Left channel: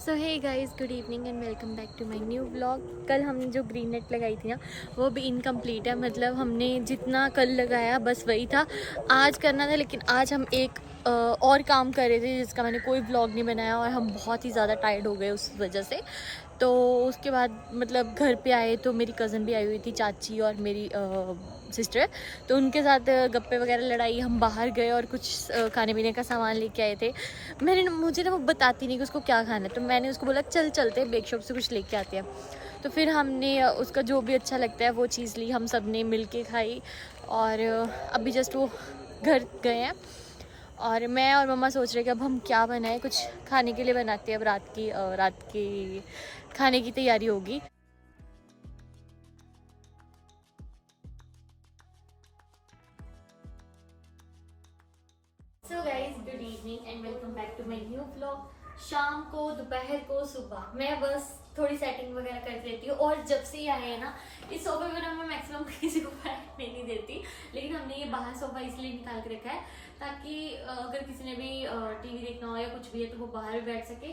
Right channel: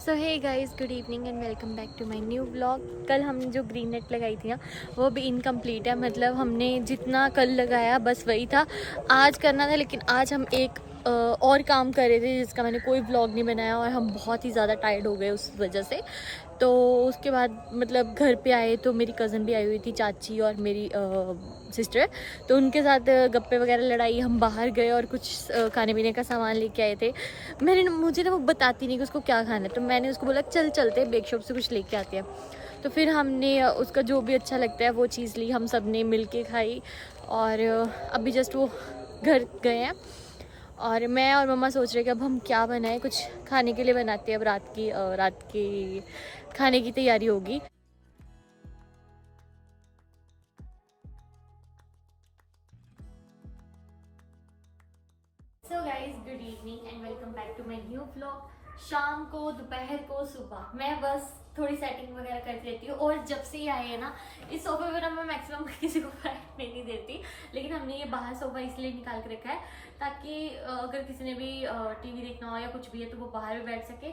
So hey guys, good evening and welcome back to my new vlog. कल हमने जो green net लगाई थी ना, वो भी इनकम्प्लीट है। मतलब हमने जितना कल लगाया बस वही था। आज करना था, लेकिन आज हम एक और काम कर रहे थे जिसका मैंने कोई व्लॉग नहीं बनाया, और हम बहुत ही ज़्यादा टायर्ड हो गए उस वजह से। तो उसके बाद मतलब घर पे आए तो मेरी कज़न भी आई हुई थी, चाची और मेरी सिस्टर। तो उनके साथ गप्पे वगैरह लड़ाई, हम बाहर गए और कुछ खाने पीने का सामान लेके आए थे। मुझे ना वो बताती नहीं कि उसको क्या खाना है, तो मैंने उसको बोला चल चलते बेक शॉप से कुछ लेके आते हैं। तो फिर हमने उसका जो भी अच्छा लगता है वो चीज़ ली, हम सब ने मिल के खाई। और अभी जस्ट वो घर गए हैं, और मैं और मम्मा सोच रहे कि अब हम क्या बनाएं, कुछ खाने के लिए बनाते हैं। अब रात की खाने की तैयारी होगी। So guys, good evening and welcome back to my new vlog. शाम को, दोपहर को, सुबह मैं बस थोड़ी सेटिंग वगैरह कर लेती हूँ। और जब से ही आए हैं ना, इस सोफे पर मैं मैक्सिमम किसी को बैठने नहीं देती, लेकिन हमने ये बाहर सोफा इसलिए निकाल के रखा है ताकि अगर किसी ने भी टीवी देखना हो या कुछ भी है तो वो बाहर भी बैठ सके।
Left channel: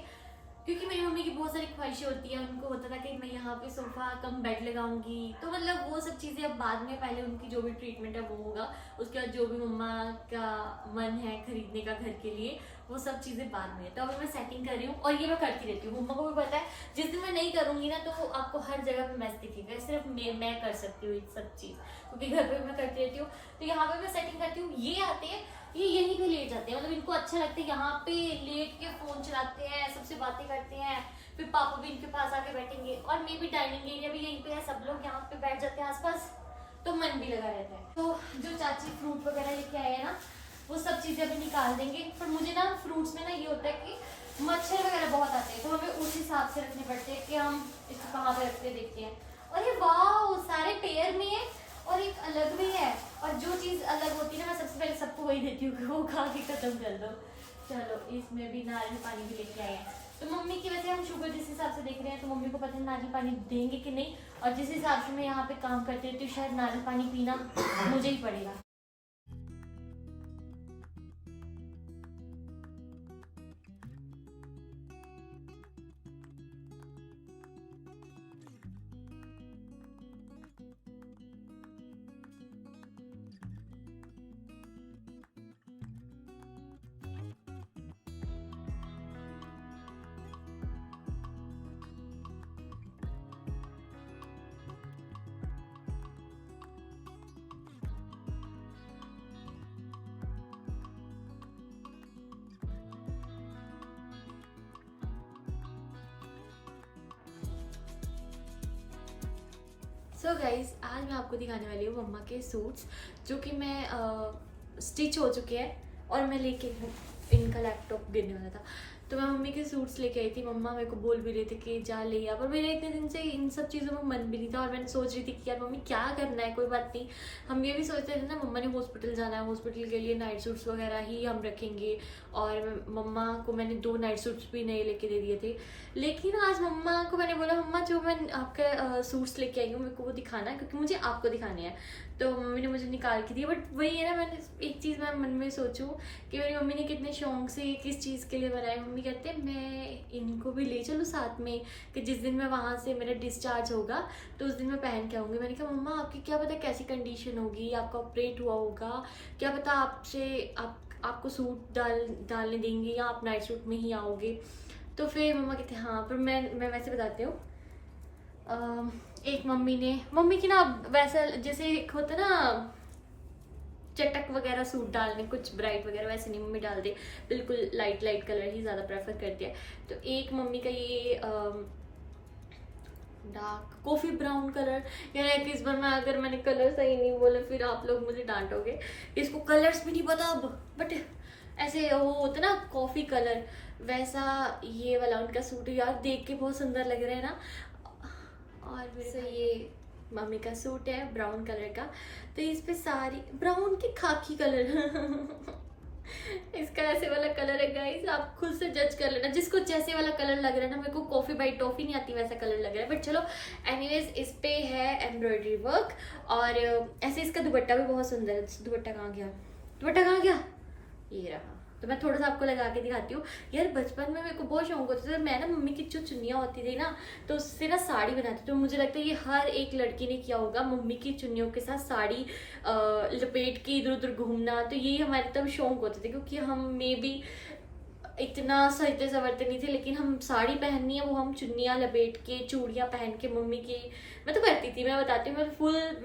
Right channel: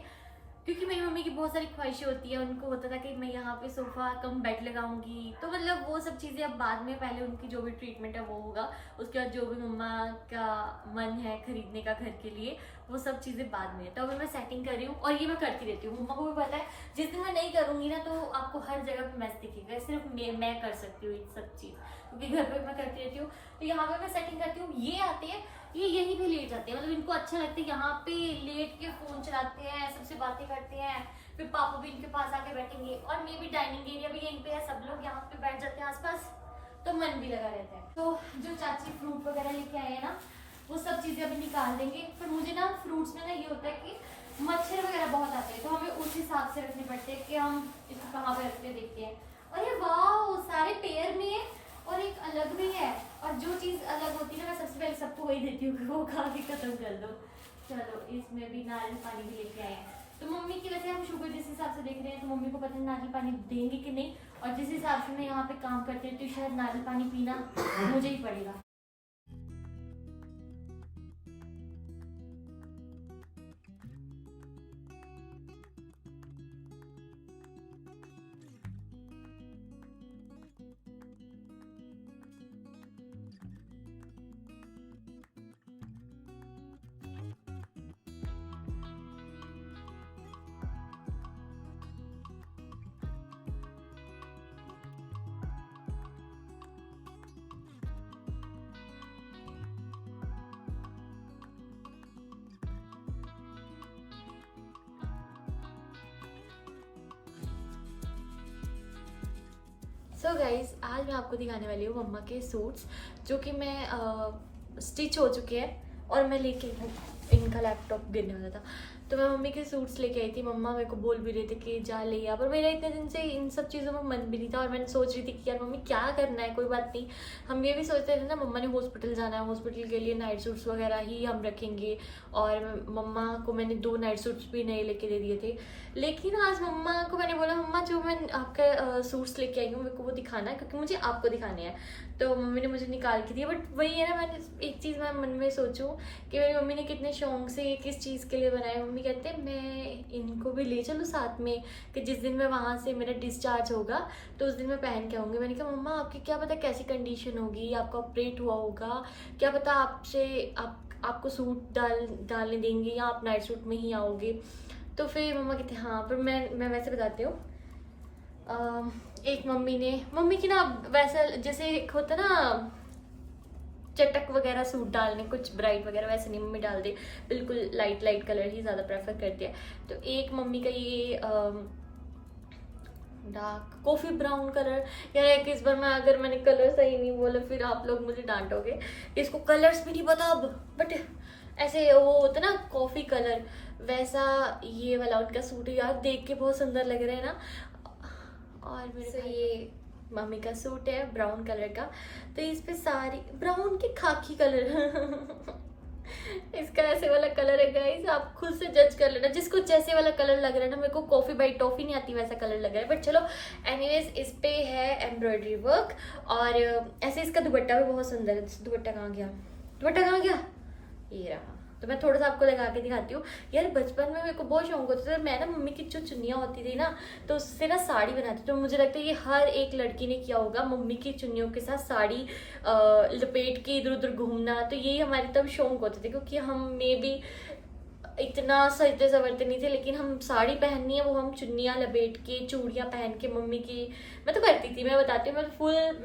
क्योंकि मेरी मम्मी की बहुत सारी ख्वाहिशें होती है, उनको होता था कि मैं यहाँ पे सोफा कम बेड लगाऊंगी। तो मतलब वो सब चीज़ें अब बाद में, पहले उनकी जो भी ट्रीटमेंट है वो होगा, उसके बाद जो भी मम्मा का मन है खरीदने का घर के लिए, वो सब चीज़ें बाद में है। तो अभी मैं सेटिंग कर रही हूँ, और ये मैं करती रहती हूँ। मम्मा को भी पता है जिस दिन मैं नहीं करूँगी ना, तो आपको हर जगह पे मैच दिखेगा। सिर्फ मैं कर सकती हूँ ये सब चीज़, क्योंकि घर पे मैं करती रहती हूँ। तो यहाँ पे मैं सेटिंग करती हूँ, ये आते हैं, ये यहीं पे लेट जाते हैं। मतलब इनको अच्छा लगता है यहाँ पे लेट के फोन चलाते हैं, सबसे बातें करते हैं। फिर पापा भी इनके पास आके बैठेंगे, और मे भी डाइनिंग एरिया भी यहीं पे है, सब लोग यहाँ पे बैठ जाते हैं आसपास, तो मन भी लगा रहता है। तो जो चाची फ्रूट वगैरह लेके आए हैं ना, वो सब चीजें अभी निकाल देंगे। पर मुझे ना फ्रूट्स में ना ये होता है कि मच्छर वगैरह बहुत आते हैं, तो हमें उस हिसाब से रखनी पड़ती है कि हम इसको कहाँ पे रखते देखते हैं। और ये वाह, सारे पेयर में है और एक अलग भी है। और जो चीज अलग होती है ना, मैं सबसे पहले सबको वही देती हूँ कि वो खा के खत्म कर दो। चलो, इसमें भी नारियल पानी भी लेके आए हैं। तो मम्मी की वजह हम शुगर जिस हिसाब से देख रहे हैं, तो मम्मी को पता नहीं नारियल पानी देंगे कि नहीं। और जिस हिसाब से मैं यहाँ पे काम करती रहती हूँ, शायद नारियल पानी पीना मुझे ही पड़ेगा। सो गाइज, आज मैं आपको दिखाने वाली हूँ मम्मा के सूट्स, जो कि मैं स्टिच हो चुके हैं। और मैं लेके इनका लैपटॉप गिरने वाला था, तो मैं मम्मी के सूट्स लेके आई थी। मम्मा मेरे को बोल भी रहे थे कि जा ले आ, पर मेरा इतने दिन से इन सब चीज़ों में मन भी नहीं था। और मैंने सोच रही थी कि यार मम्मी क्या करना है, कोई बात नहीं। हम ये भी सोचते थे ना, मम्मा ने हॉस्पिटल जाना है, हॉस्पिटल के लिए नाइट सूट्स वगैरह ही हम रखेंगे। और मम्मा को मैंने 2 नाइट सूट्स भी नए लेके दे दिए थे। लेकिन आज मम्मा को मैंने बोला, मम्मा जो मैं आपके सूट्स लेके आई हूँ मेरे को वो दिखाना है, क्योंकि मुझे आपको दिखाने हैं। तो मम्मी ने मुझे निकाल के दिया। बट वही है ना, मैंने एक चीज़ मैं मन में सोचूं कि मेरी मम्मी ने कितने शौक से ये किस चीज़ के लिए बनाए। मम्मी कहते हैं मैं इनको भी ले चलूँ साथ में, कि जिस दिन मैं वहाँ से मेरा डिस्चार्ज होगा तो उस दिन मैं पहन के आऊँगी। मैंने कहा मम्मा आपकी क्या पता कैसी कंडीशन होगी, आपका ऑपरेट हुआ होगा, क्या पता आपको सूट डालने देंगे या आप नाइट सूट में ही आओगे। तो फिर मम्मा कहते हैं हाँ। पर मैं वैसे बताती हूँ, एक मम्मी की ना वैसा जैसे एक होता ना चटक वगैरह सूट डालने, कुछ ब्राइट वगैरह, वैसे नहीं मम्मी डाल दे, बिल्कुल लाइट लाइट कलर ही ज़्यादा प्रेफर करती है। तो एक मम्मी का ये डार्क कॉफ़ी ब्राउन कलर, यार एक इस बार मैंने कलर सही नहीं बोला फिर आप लोग मुझे डांटोगे। इसको कलर्स भी नहीं पता अब, बट ऐसे वो होता ना कॉफ़ी कलर, वैसा ये वाला उनका सूट है। यार देख के बहुत सुंदर लग रहा है ना। और मेरे से ये मम्मी का सूट है ब्राउन कलर का, तो इस पे सारी ब्राउन की खाकी कलर इसका ऐसे वाला कलर है गाइस, आप खुद से जज कर लेना जिसको जैसे वाला कलर लग रहा है ना। मेरे को कॉफी बाइट टॉफी नहीं आती, वैसा कलर लग रहा है। बट चलो एनीवेज, इस पे है एम्ब्रॉयडरी वर्क, और ऐसे इसका दुपट्टा भी बहुत सुंदर है। दुपट्टा कहाँ गया, ये रहा। तो मैं थोड़ा सा आपको लगा के दिखाती हूँ। यार बचपन में मेरे को बहुत शौक होता था, मैं ना मम्मी की जो चुन्नियाँ होती थी ना, तो उससे ना साड़ी बनाती थी। तो मुझे लगता है ये हर एक लड़की ने किया होगा, मम्मी की चुन्नियों के साथ साड़ी लपेट के इधर उधर घूमना। तो यही हमारे तब शौक होते थे, क्योंकि हम में भी इतना सजते संवरते नहीं थे, लेकिन हम साड़ी पहननी है वो हम चुन्नियाँ लपेट के, चूड़ियाँ पहन के। मम्मी की मैं तो करती थी, मैं बताती हूँ,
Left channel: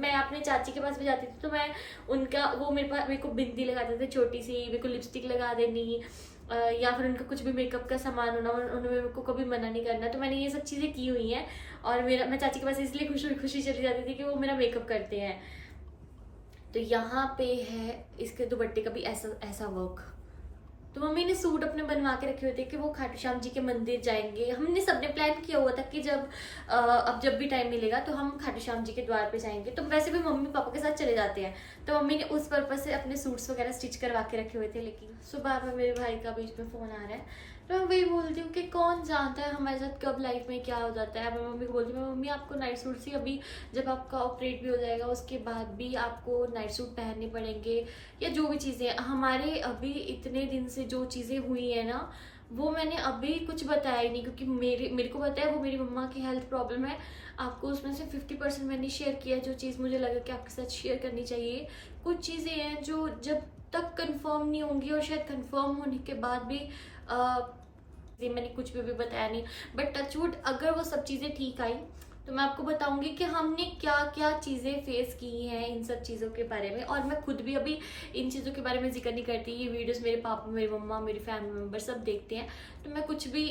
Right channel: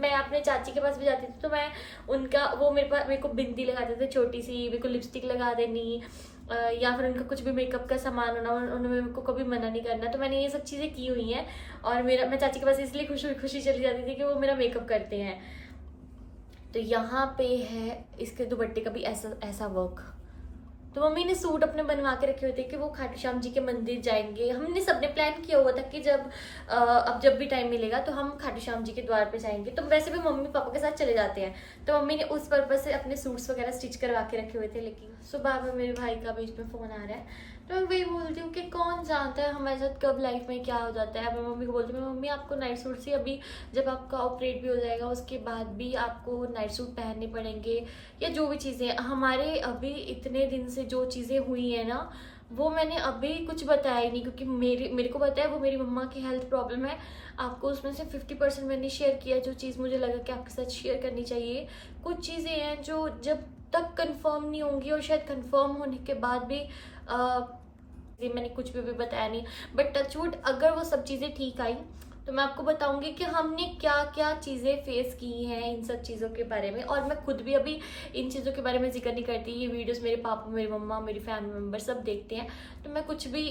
मैं अपने चाची के पास भी जाती थी तो मैं उनका वो मेरे को बिंदी लगाते थे छोटी सी, मेरे को लिपस्टिक लगा देनी, या फिर उनका कुछ भी मेकअप का सामान होना, उन्होंने मेरे को कभी मना नहीं करना। तो मैंने ये सब चीज़ें की हुई हैं, और मैं चाची के पास इसलिए खुशी चली जाती थी कि वो मेरा मेकअप करते हैं। तो यहाँ पे है इसके दुपट्टे का भी ऐसा ऐसा वर्क। तो मम्मी ने सूट अपने बनवा के रखे हुए थे कि वो खाटू श्याम जी के मंदिर जाएंगे। हमने सबने प्लान किया हुआ था कि अब जब भी टाइम मिलेगा तो हम खाटू श्याम जी के द्वार पे जाएंगे। तो वैसे भी मम्मी पापा के साथ चले जाते हैं, तो मम्मी ने उस पर्पज से अपने सूट्स वगैरह स्टिच करवा के रखे हुए थे। लेकिन सुबह में मेरे भाई का बीच में फ़ोन आ रहा है, तो मैं वही बोलती हूँ कि कौन जानता है हमारे साथ कब लाइफ में क्या हो जाता है। मैं मम्मी को बोलती हूँ, मम्मी आपको नाइट सूट से अभी जब आपका ऑपरेट भी हो जाएगा उसके बाद भी आपको नाइट सूट पहनने पड़ेंगे, या जो भी चीज़ें हमारे अभी इतने दिन से जो चीज़ें हुई है ना, वो मैंने अभी कुछ बताया ही नहीं, क्योंकि मेरे को पता है वो मेरी मम्मा की हेल्थ प्रॉब्लम है। आपको उसमें से 50% मैंने शेयर किया, जो चीज़ मुझे लगा कि आपके साथ शेयर करनी चाहिए। कुछ चीज़ें हैं जो जब तक कंफर्म नहीं होंगी, और शायद कंफर्म होने के बाद भी मैंने कुछ भी बताया नहीं, बट टचवुड अगर वो सब चीज़ें ठीक आई तो मैं आपको बताऊंगी कि हमने क्या क्या चीज़ें फेस की हैं इन सब चीज़ों के बारे में। और मैं खुद भी अभी इन चीज़ों के बारे में जिक्र नहीं करती, ये वीडियोस मेरे पापा, मेरी मम्मा, मेरी फैमिली मेम्बर सब देखते हैं, तो मैं कुछ भी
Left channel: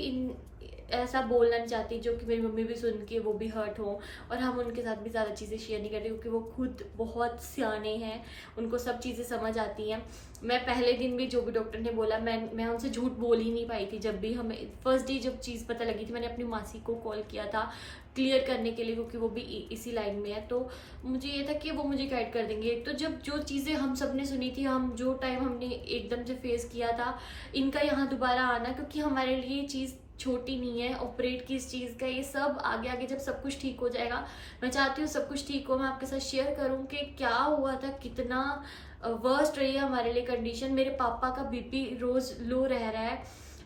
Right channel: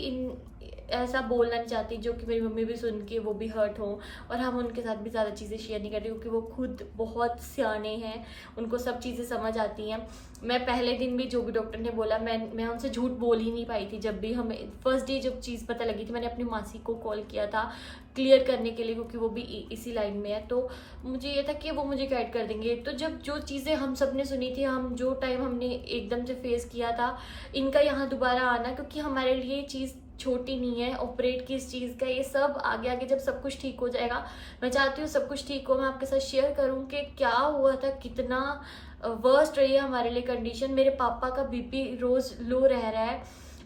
ऐसा बोलना नहीं चाहती जो कि मेरी मम्मी भी सुन के वो भी हर्ट हो। और हम उनके साथ भी ज़्यादा चीज़ें शेयर नहीं करते, क्योंकि वो खुद बहुत सियाने हैं, उनको सब चीज़ें समझ आती हैं। मैं पहले दिन भी जो भी डॉक्टर ने बोला, मैं उनसे झूठ बोल ही नहीं पाई थी। जब भी हमें फर्स्ट डे जब चीज़ पता लगी थी, मैंने अपनी मासी को कॉल किया था क्लियर करने के लिए, क्योंकि वो भी इसी लाइन में है, तो मुझे ये था कि वो मुझे गाइड कर देंगे। तो जब जो चीज़ें हम सब ने सुनी थी, हम जो टाइम हमने एकदम से फेस किया था, इनका यहाँ दोबारा आना, क्योंकि हमारे लिए ये चीज़ छोटी नहीं है ऑपरेट की इस चीज़ का, ये सब आगे आगे जब सब कुछ ठीक हो जाएगा, मैं चाहती हूँ सब कुछ ठीक हो, मैं आपके साथ शेयर करूँ कि क्या हुआ था, कितना वर्स्ट रही है हमारे लिए कंडीशन। मेरे पापा का बीपी रोज़ लो रह रहा है,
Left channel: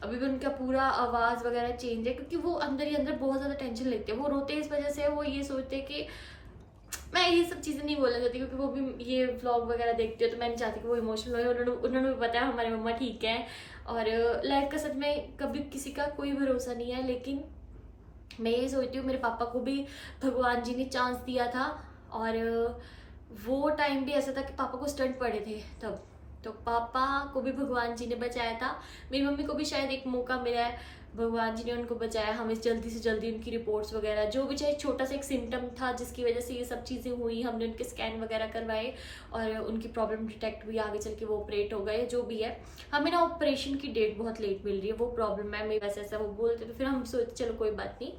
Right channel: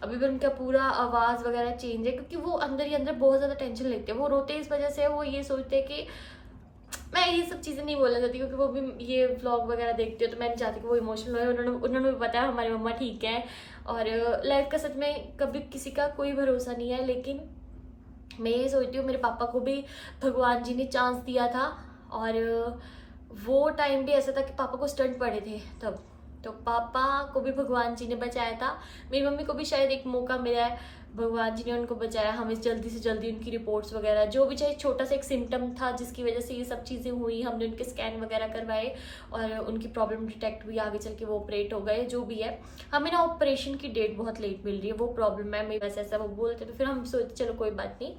अभी भी उनका पूरा आवाज़ वगैरह चेंज है, क्योंकि वो अंदर ही अंदर बहुत ज़्यादा टेंशन लेते हैं। वो रोते इस वजह से, वो ये सोचते हैं कि मैं ये सब चीज़ें नहीं बोलना चाहती, क्योंकि वो भी ये व्लॉग वगैरह देखती हो, तो मैं नहीं चाहती कि वो इमोशनल हो। उन्होंने भी बताया हमारी मम्मा ठीक है, और लाइफ का सच में कभी किसी का कोई भरोसा नहीं है। लेकिन मैं ये सोचती हूँ मेरे पापा को भी भगवान जी ने चांस दिया था, और वो टाइम भी ऐसा था कि पापा को स्टंट पड़े थे तब, तो पापा को भी भगवान जी ने बचाया था। मेरी मम्मी को भी शायद एक मौका मिला है, भगवान जी ने उनको बचाया। हमें जल्दी से जल्दी उनकी रिपोर्ट्स वगैरह, जो भी चाहे छोटा सा एक सिम्टम था जिसकी वजह से ये सब चीज़ें हुई, हमने उनके स्कैन वगैरह करवाए, और उनकी प्रॉब्लम डिटेक्ट हुई, आगे चल के वो ऑपरेट हो गए। जो भी है, हमें ना ऑपरेशन की डेट बहुत लेट मिल रही है, वो प्रॉब्लम है मेरे, वैसे ऐसा वो बोलते, तो फिर हम सोचते चलो कोई बात नहीं।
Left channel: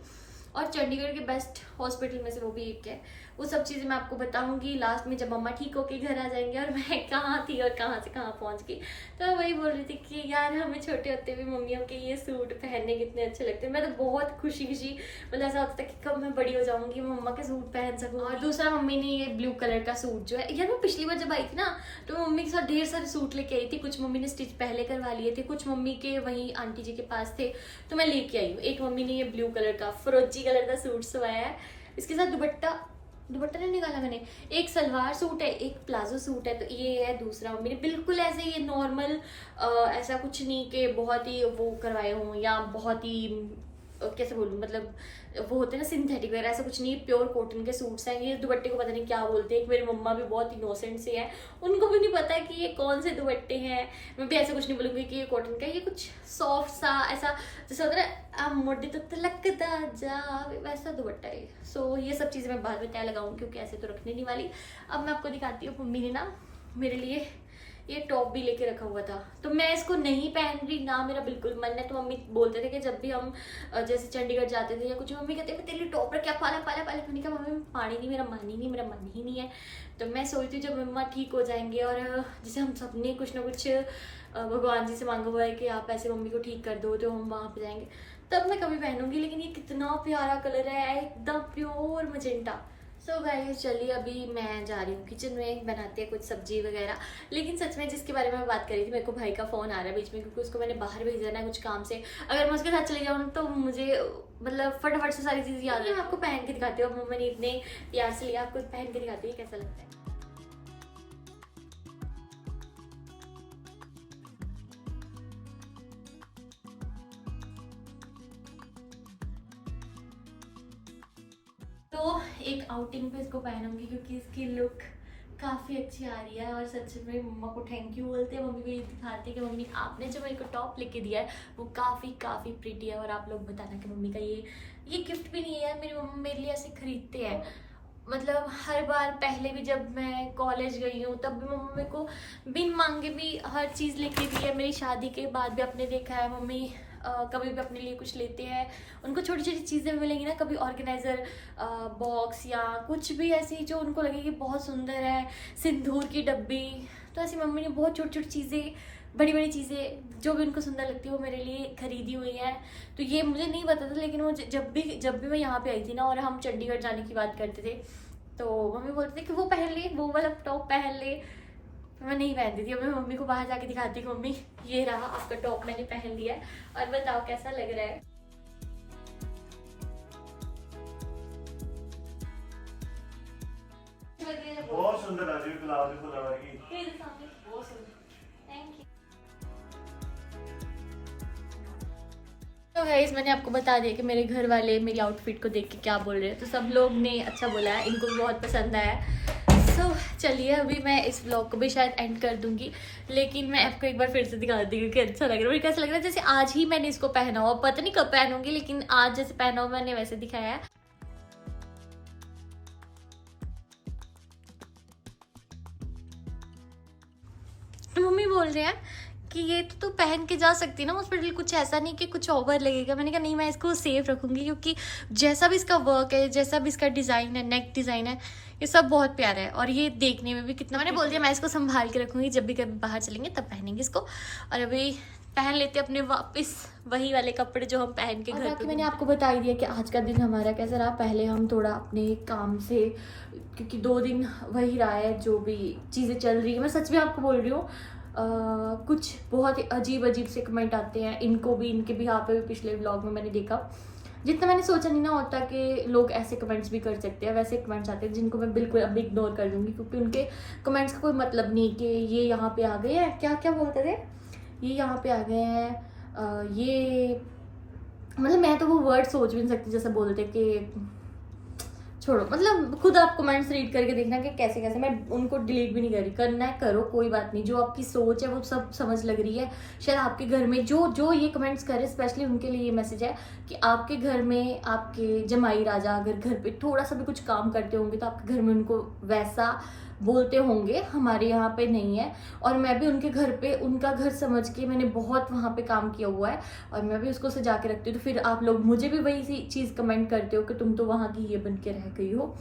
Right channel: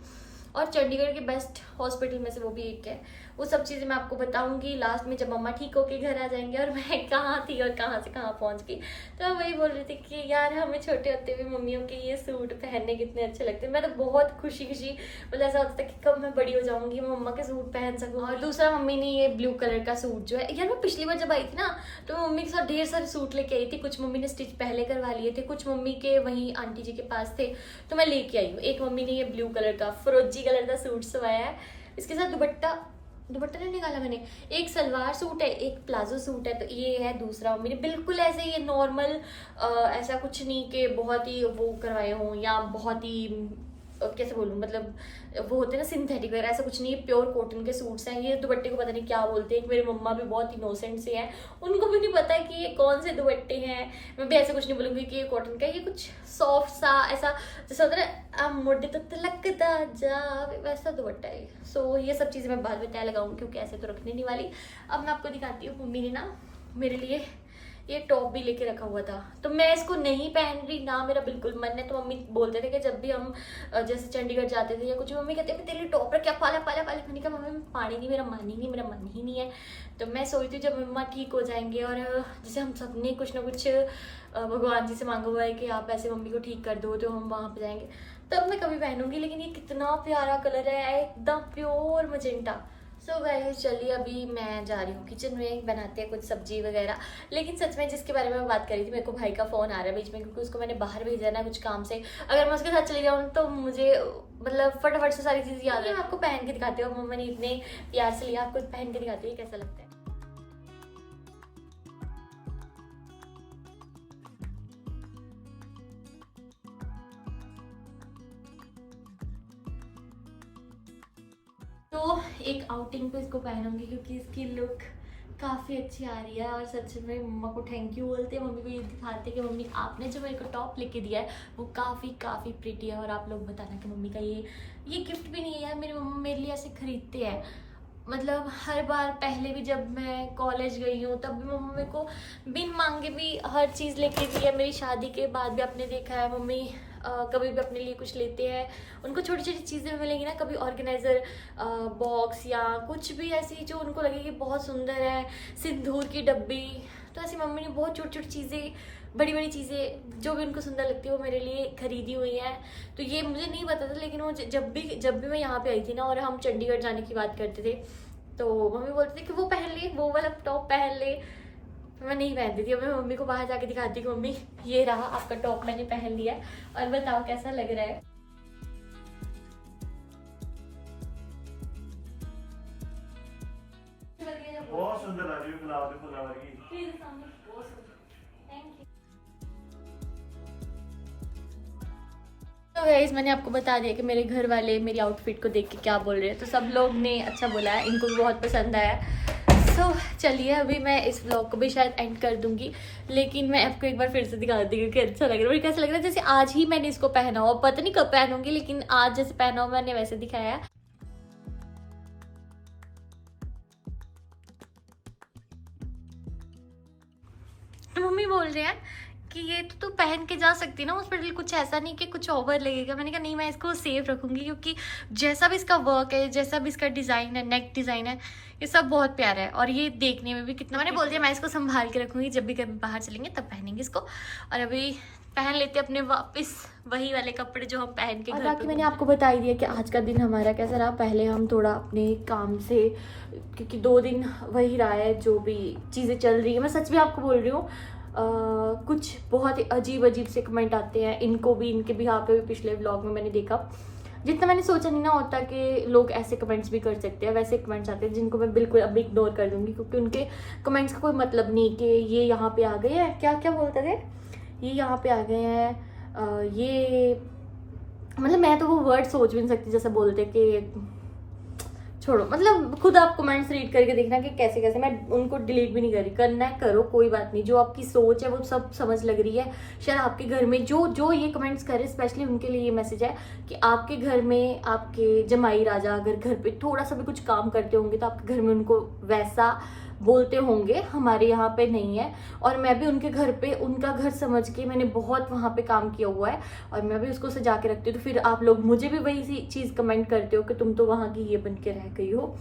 और चंडीगढ़ के बेस्ट हॉस्पिटल में से वो भी एक है। वो सब चीज़ें मैं आपको बताऊंगी लास्ट में, जब मम्मा ठीक होके घर आ जाएंगे और मैं कहाँ थी और कहाँ से कहाँ पहुँच गई। तो मैं वही बोल रही थी कि यार हमें छोटे होते हुए मम्मियों के ये सूट पहनने कितने अच्छे लगते हैं। मैं तो बहुत खुशी मतलब ऐसा होता था कि कब मैं बड़ी हो जाऊंगी, मम्मा के सूट पहन सकूँ। और दूसरा, मम्मी ने ये ब्लू कलर का सूट जो है, यार मैं पिछली बार जब आई थी ना, तो मम्मी के साथ ढेर सारे सूट लेके आई थी। कुछ मम्मी ने स्टिच पहले करवा लिए थे, कुछ मम्मी के वहीं आंटी जी के पास थे, तो मैं लेके आई हूँ। एक मम्मी ने ये ब्लू कलर का फिरोजी कलर का सूट सवाया है, इसके साथ दुपट्टा नहीं निकाला मैंने, एक सलवार सूट है, एक प्लाजो सूट है, तो ये है दूसरा। मम्मी ने बिल्कुल ऐसे ये नॉर्मल, ऐसा कुछ नहीं कि बहुत ही वो करवाए हों या बहुत ही कैसे बोलूँ, मतलब वो होते हैं ना सिंथेटिक वगैरह, ऐसा कुछ नहीं है, प्योर कॉटन के सूट्स हैं। ये दुपट्टे को पता नहीं क्या बोलते हैं, मेरी मम्मा भी बहुत इनोसेंट से हैं, उनको भी नहीं पता है कि ये कौन से दुपट्टे हैं। मैं भी ऐसा कुछ नहीं बोलूँगी कि ये कॉटन का, ये कुछ सॉफ्ट सा ऐसा जैसा होता है मोटे तो तिलकता जा, वैसा दुपट्टा है। सो ये सब चीज़ें मैं बाद में तय लगाऊंगी, क्योंकि ऐसे तो रखने नहीं वाली। अब मैं आपको दिखाती हूँ, मम्मी ने ना मेरे लिए ये टॉप भी लेके रखा हुआ था, तो मैं इसको नहीं पहन रही ना, मेरा बिल्कुल मन है। तो मम्मी बोलते थे कि जब भी हम जैसे चंडीगढ़ जाते थे या कुछ, मम्मी कहते तेरे लिए टॉप रख, क्या पाला मैंने कहा मम्मी पानी नहीं, मेरा मन ही नहीं है। तो मैं सोचती हूँ जब मम्मा ठीक हो जाएंगे, और जैसे हम सब ने कुछ ना कुछ भगवान जी से मांगा हुआ है कि आप ऐसे मम्मी को ठीक कर दो, तो हम वहाँ पर जाएंगे, तब मैं कभी पहनूंगी। लेकिन ये कितना प्यारा कलर है, एकदम प्योर मजेंटा, सो गाइस चलिए अभी मैं जा रही हूँ किचन में, बनाते हैं कुछ सब्जी वगैरह। लेकिन सच में जिसके बारे में मैं बात कर रही थी, मेरे को भाई का फ़ोन आ रहा है बीच में, क्योंकि उसको मैंने बाहर भेजना है कुछ काम से। अगर मैं उसके साथ चली जाऊँ तो मुझे मतलब फटाफट से सारी चीज़ याद है। मैं आपको पहन के दिखाती हूँ, मम्मा ने इतने प्यार से लिया, आपको पहन के दिखाती हूँ कैसा लगता है। तो एक आउटिंग पे इसको पहनूंगी क्योंकि इसकी लुक काफ़ी अच्छी आ रही है। और सच में मम्मा को थैंक यू बोलते हैं, मम्मी को ये दिखाते हैं कि मम्मी आपने जो मेरे को टॉप लेके दिया है वो काफ़ी प्रीटी है। और आप लोग बताना कि मम्मी का ये गिफ्ट भी नहीं है, मेरी मम्मा मेरे लिए ऐसे खरीदते हैं। मतलब हर बार पहले भी जब मैं कॉलेज गई हूँ तब भी मम्मी मेरे को बिन मांगे भी हर चीज़ लेके दी है। मेरी शादी के बाद भी आपने देखा है मम्मी कभी भी अपने लिए कुछ लेते हैं। उनको छोटी छोटी चीज़ें मिलेंगी ना, कभी ऑर्गेनाइज़र बॉक्स या कुछ भी ऐसी जो उनको लगेगी बहुत सुंदर है, सिंदूर की डब्बी। तो ऐसी मम्मी ने बहुत छोटी छोटी चीज़ें, बड़ी बड़ी चीज़ें जो भी उनको सुंदर लगती है वो मेरे लिए खरीदी हुई है। तो ये मुझे नहीं पता था, लेकिन वो जब भी मैं यहाँ पे आई थी ना और हम चंडीगढ़ जाने की बात करते थे तो मम्मी बोलते थे कि वो पहन ले, वो वाला टॉप पहन ले। मैं नहीं पहनती थी। अब मैं मम्मी को बाहर जाके दिखाती कि मम्मी ये रहा आपका टॉप मैंने पहन लिया है और बताओ कैसा लग रहा है। बहुत सुंदर आ रही है गुलाब के फुलावर की। Thank you. तो गाइस मैंने आपको बता दिया कि मेरे घर वाले मेरी आउटफिट को देख के क्या बोल रहे हैं। तो सब लोग ने अच्छा बोला है, इनको भी बहुत पसंद आया। सो चलिए अभी मैं इस व्लॉग को भी शायद एंड कर दूंगी, लेकिन मैं आपको एक बार फिर से दिखा दी क्योंकि अच्छा लग रहा है। मुझे कैसा लग रहा है जैसे आज ही मैंने इसको पहना हो, पता नहीं कब पहनूंगी, लेकिन आज जैसे पहना हो मैंने वैसे दिखाया है। मम्मी बोल रहे हैं कि ये तो तू पहन के जा सकती है ना हॉस्पिटल, कुछ ऐसा नहीं कि कुछ ओवर लगेगा। मैंने कहा नहीं, मैं इसको सेफ रखूंगी क्योंकि जैसा भी इसका वर्क है, जैसा भी इसका डिज़ाइन है, नेक डिज़ाइन है, ये सब बहुत प्यारा है। और ये देखने में भी कितना, मैंने बोल दिया मैं इसको संभाल के रखूंगी, जब भी कभी बाहर चलेंगे तब पहनेंगे इसको। और अभी पहन लेते अपने वापस वही वाले कपड़े जो हम पहन के। और बाकी मैंने आपको बता ही दिया कि आज का दिन हमारा कैसा रहा। पहले हम थोड़ा अपने काम से, क्योंकि 2 दिन वही रहा है जो भी चीज़ें चल रही है। मैं सच में आपको बोल रही हूँ, कुछ बहुत ही अजीब से कमेंट आते हैं। इनको भी, इनके भी यहाँ पे भी पिछले व्लॉग में मैंने देखा, जितना मैंने सोचा नहीं ना होता कि लोग ऐसे कमेंट्स भी कर सकते हैं। वैसे कमेंट्स आते हैं जिनको मैं बिल्कुल अभी इग्नोर कर दूंगी, क्योंकि उनके कमेंट्स का कोई मतलब नहीं कि ये यहाँ पे आ गए हैं, क्या क्या बोलते थे, ये यहाँ पे आ गए हैं, ये मतलब मैं तो वो वर्ड सोच भी नहीं सकती जैसे बोलते कि छोड़ो। मतलब खुद आप कमेंट्स रीड करके देखना कि कैसे कैसे, मैं उनको डिलीट भी नहीं कर रही। करना है करो, कोई बात नहीं। जो आपकी सोच है वो सब समझ लग रही है। शायद आपके घर में जो ये कमेंट्स करे, स्पेशली उनके लिए ये मैसेज है कि आपके घर में आपके जमाई राजा अगर घर पे थोड़ा सा भी कुछ काम करते होंगे तो आपके घर में उनको वैसा बोलते होंगे, हमारे यहाँ पे नहीं है। और मैं भी उनके घर पे उनका घर समझ के मैंने बहुत वहाँ पे काम किया हुआ है और मैं भी उसको सजा के रखती हूँ। तो फिर आप लोग मुझे भी वही सी चीज़ कमेंट करते हो कि तुम तो वहाँ की ये बन के रह गई हो।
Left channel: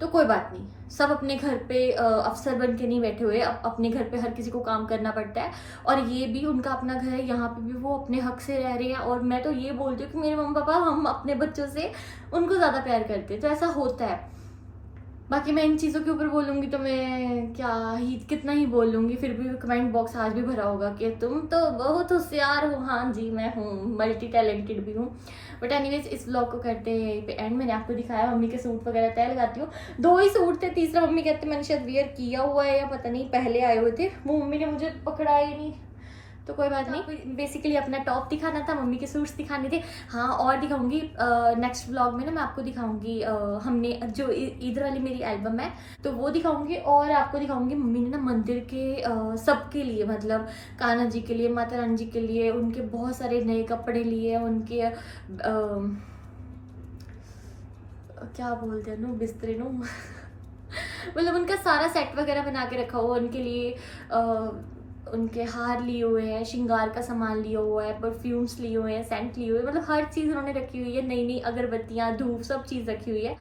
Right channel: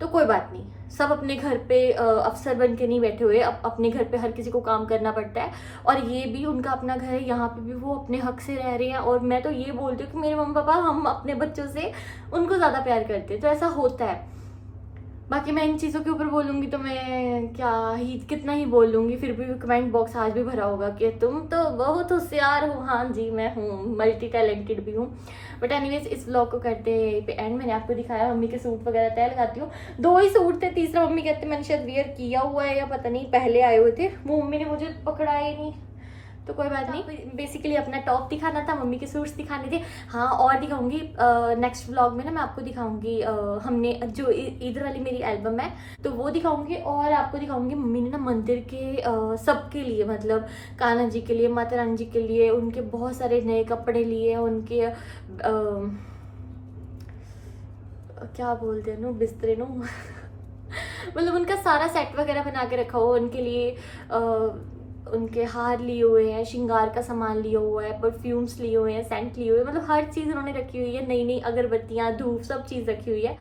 तो कोई बात नहीं, सब अपने घर पे अफसर बन के नहीं बैठे हुए। अपने घर पे हर किसी को काम करना पड़ता है और ये भी उनका अपना घर है, यहाँ पे भी वो अपने हक से रह रहे हैं। और मैं तो ये बोलती हूँ कि मेरे मम्मी पापा हम अपने बच्चों से उनको ज़्यादा प्यार करते हैं, तो ऐसा होता है। बाकी मैं इन चीज़ों के ऊपर बोलूँगी तो मैं क्या ही कितना ही बोल लूँगी, फिर भी कमेंट बॉक्स आज भी भरा होगा कि तुम तो बहुत होशियार हो। हाँ जी, मैं हूँ, मल्टी टैलेंटेड भी हूँ। बट एनीवेज इस व्लॉग को करते हैं पे एंड। मैंने आपको दिखाया मम्मी के सूट वगैरह तय लगाती हूँ। 2 ही सूट थे, तीसरा मम्मी कहते मैंने शायद वियर किया हुआ है या पता नहीं पहले आए हुए थे, वो मम्मी ने मुझे पकड़ा ही नहीं। तो कोई बात नहीं, बेसिकली अपना टॉप दिखाना था, मम्मी के सूट्स दिखाने थे। हाँ और दिखाऊंगी नेक्स्ट व्लॉग में ना, मैं आपको दिखाऊंगी हमने जो इधर वाली मेरी एल्बम है तो वो दिखाऊंगी। और आपको दिखाऊंगी मम्मी ने ना मंदिर के सबके लिए, मतलब कान्हा जी के लिए, माता रानी जी के लिए, उनके बहुत सारे नए कपड़े लिए, उनके क्या बोलते हैं नो, बिस्तरे नो मतलब उनका सारा सेट वगैरह बना के रखा हुआ उनके लिए। उनके हार लिए हुए हैं, श्रृंगार का सामान लिया हुआ है, परफ्यूम्स लिए हुए हैं, सेंट लिए हुए हैं, मतलब हर चीज़ उन्होंने रखी हुई है। नई नई अगरबत्तियाँ, धूप, सब चीज़ रखी हुई है।